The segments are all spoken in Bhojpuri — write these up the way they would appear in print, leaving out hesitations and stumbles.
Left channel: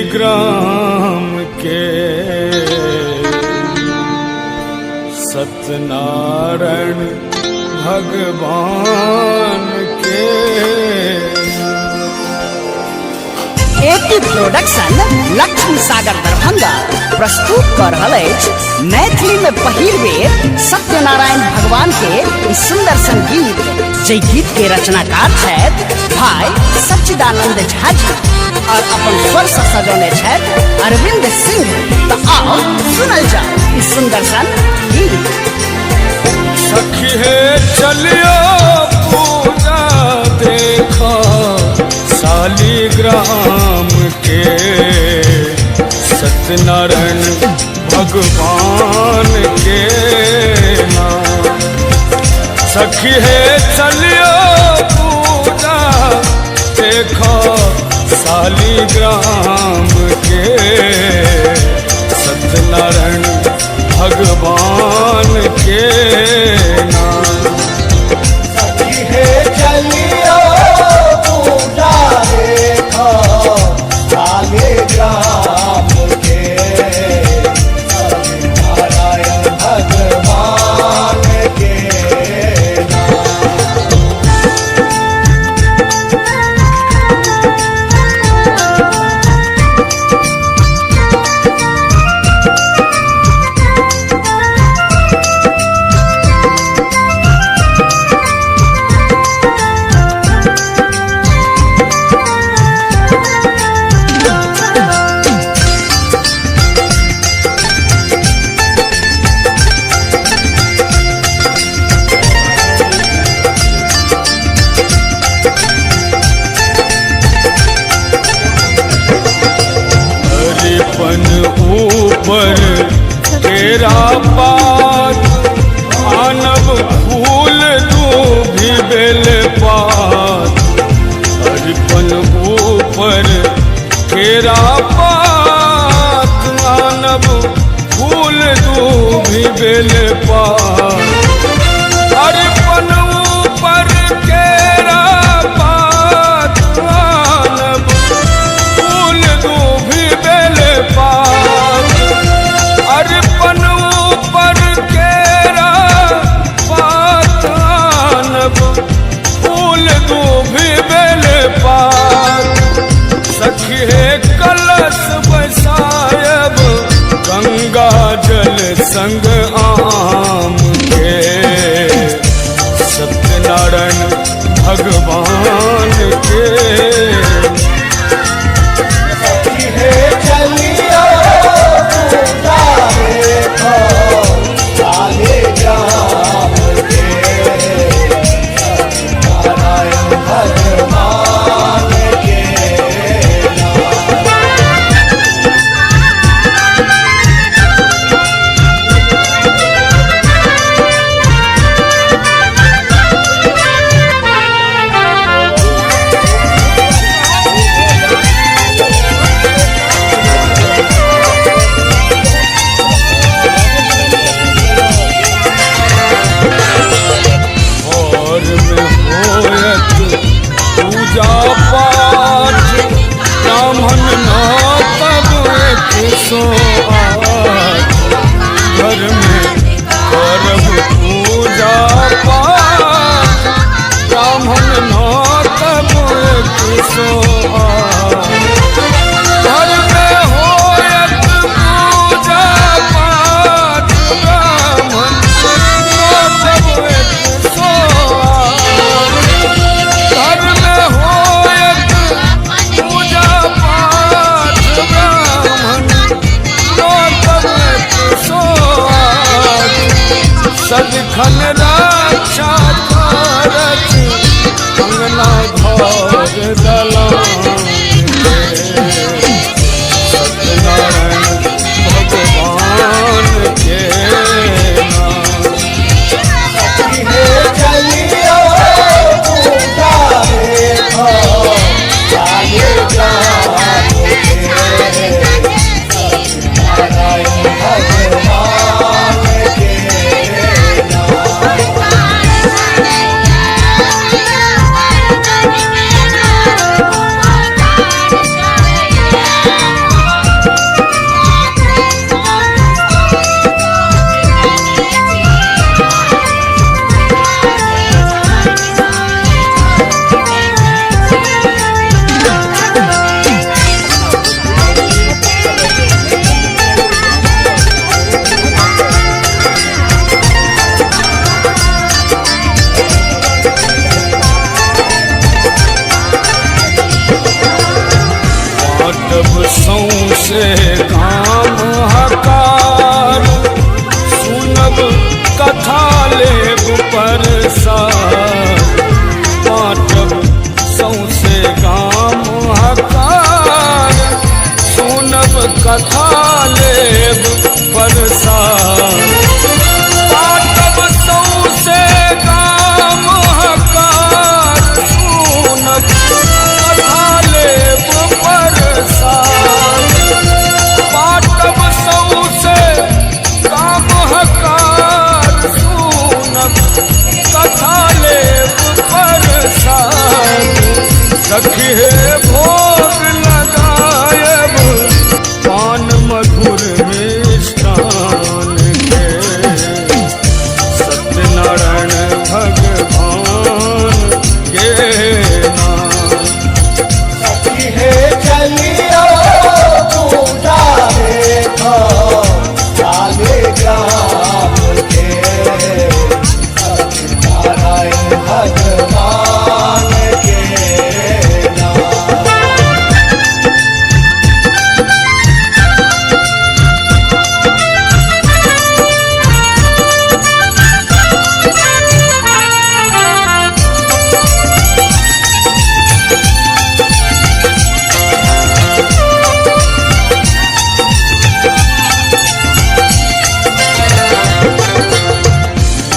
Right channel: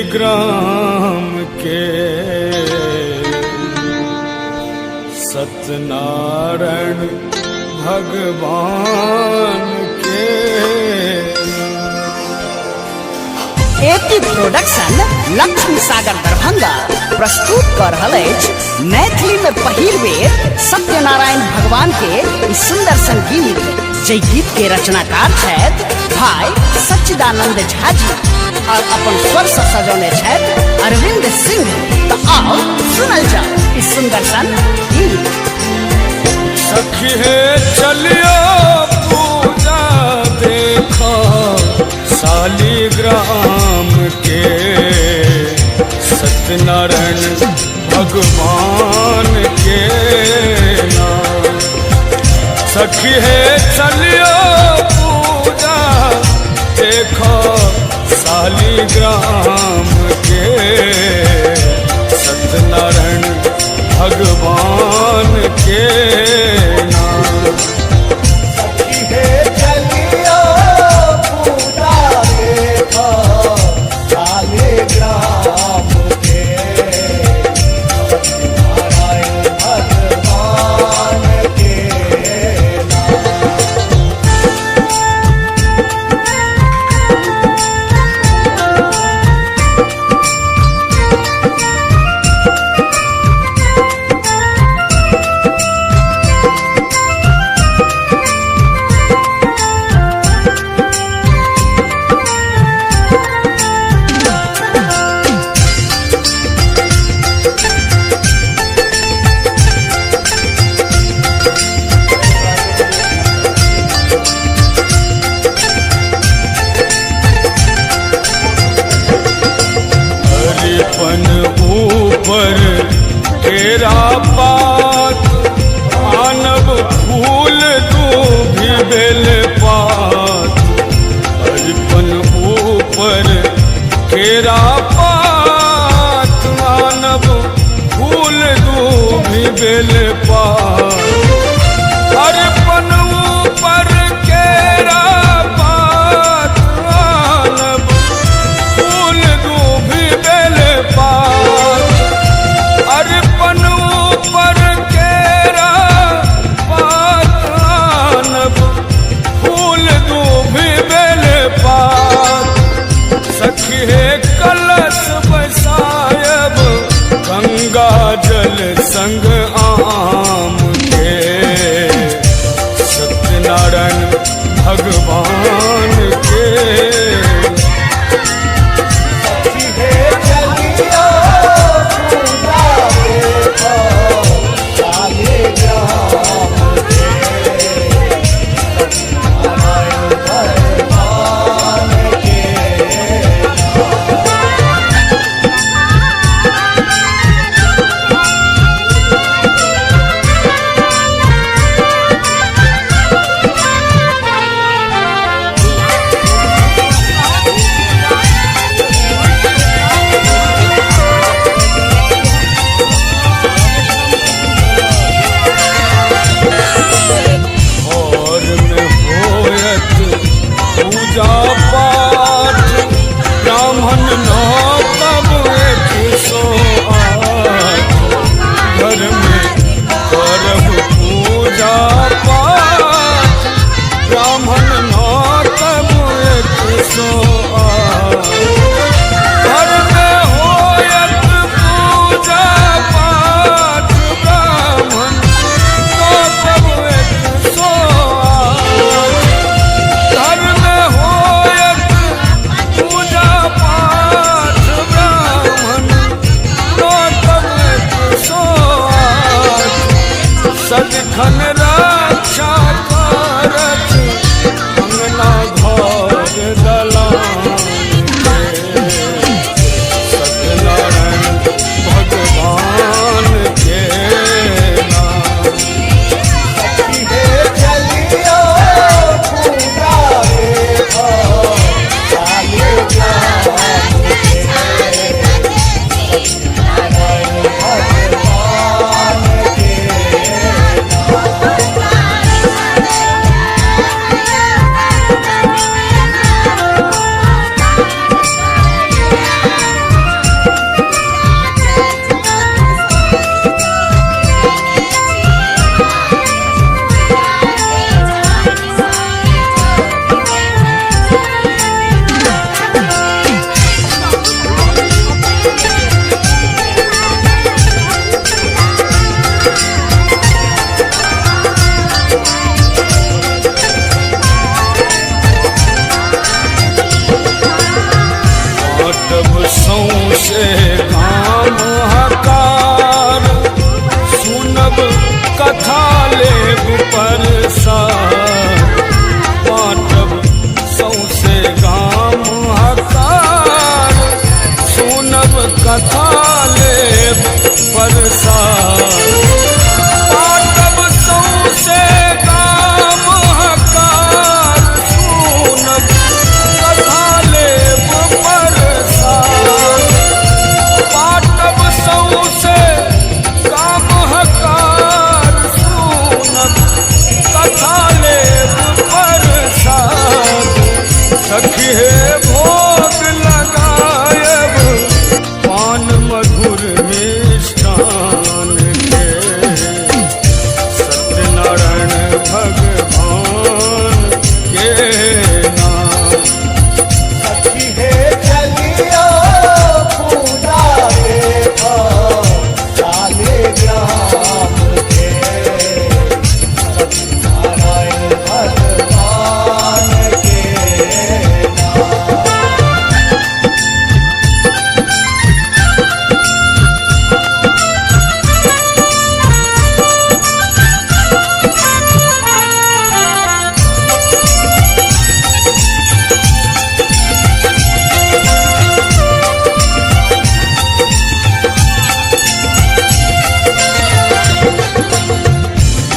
शालिग्राम के सत्यनारायण भगवान के। एटी प्रोडक्शन लक्ष्मी सागर दरभंगा प्रस्तुत कर रहल अछि मैथिली में पहिल बेर सत्यनारायण भगवान के सुंदर संगीत, जे गीत के रचनाकार छथि भाई सच्चिदानंद झा जी और अपन स्वर से सजौने छथि अरविंद सिंह। तो आओ सुनल जाओ इस सुंदर सन गीत। सखी है चलियो पूजा देखो शालिग्राम के सत्यनारायण भगवान के नाम। सखी है चलियो पूजा देखो शालिग्राम के सत्यनारायण भगवान के नाम। सखी है चलियो पूजा देखो शालिग्राम के सत्यनारायण भगवान के नाम। हरिपन ऊपर तेरा पात मानव फूल दूभी बेल पात। हरिपन ऊपर तेरा पात मानव फूल दूभी बेल पात। हरिपन ऊपर तेरा पात मानव फूल दूभी बेल पात। अरिपन ऊपर केरा पात मानव फूल दूभी बेल पात। सखी है कलश बसायब गंगा जल संग सौसे गाम हकार सुनब कथा लेब तरसार बाँटब सौसे गाम हकार सुनब कथा लेब परसार बाँटब सौसे गाम हकार सुनब कथा लेब परसार बाँटब सौसे गाम हकार सुनब कथा लेब परसार सखी हे भोग लगायब पान मधुर मिष्ठान के सत्यनारायण भगवान के नाम सखी हे चलिया पुजारे काले ग्राम के सत्यनारायण भगवान के नाम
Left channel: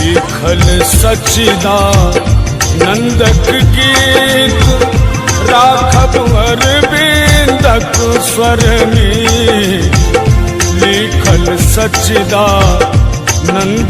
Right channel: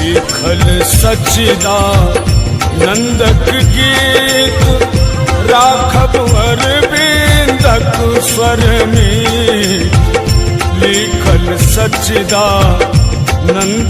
लिखल सचिदा नंदक गीत राखब अरविंदक स्वर में लिखल सचिदा नंद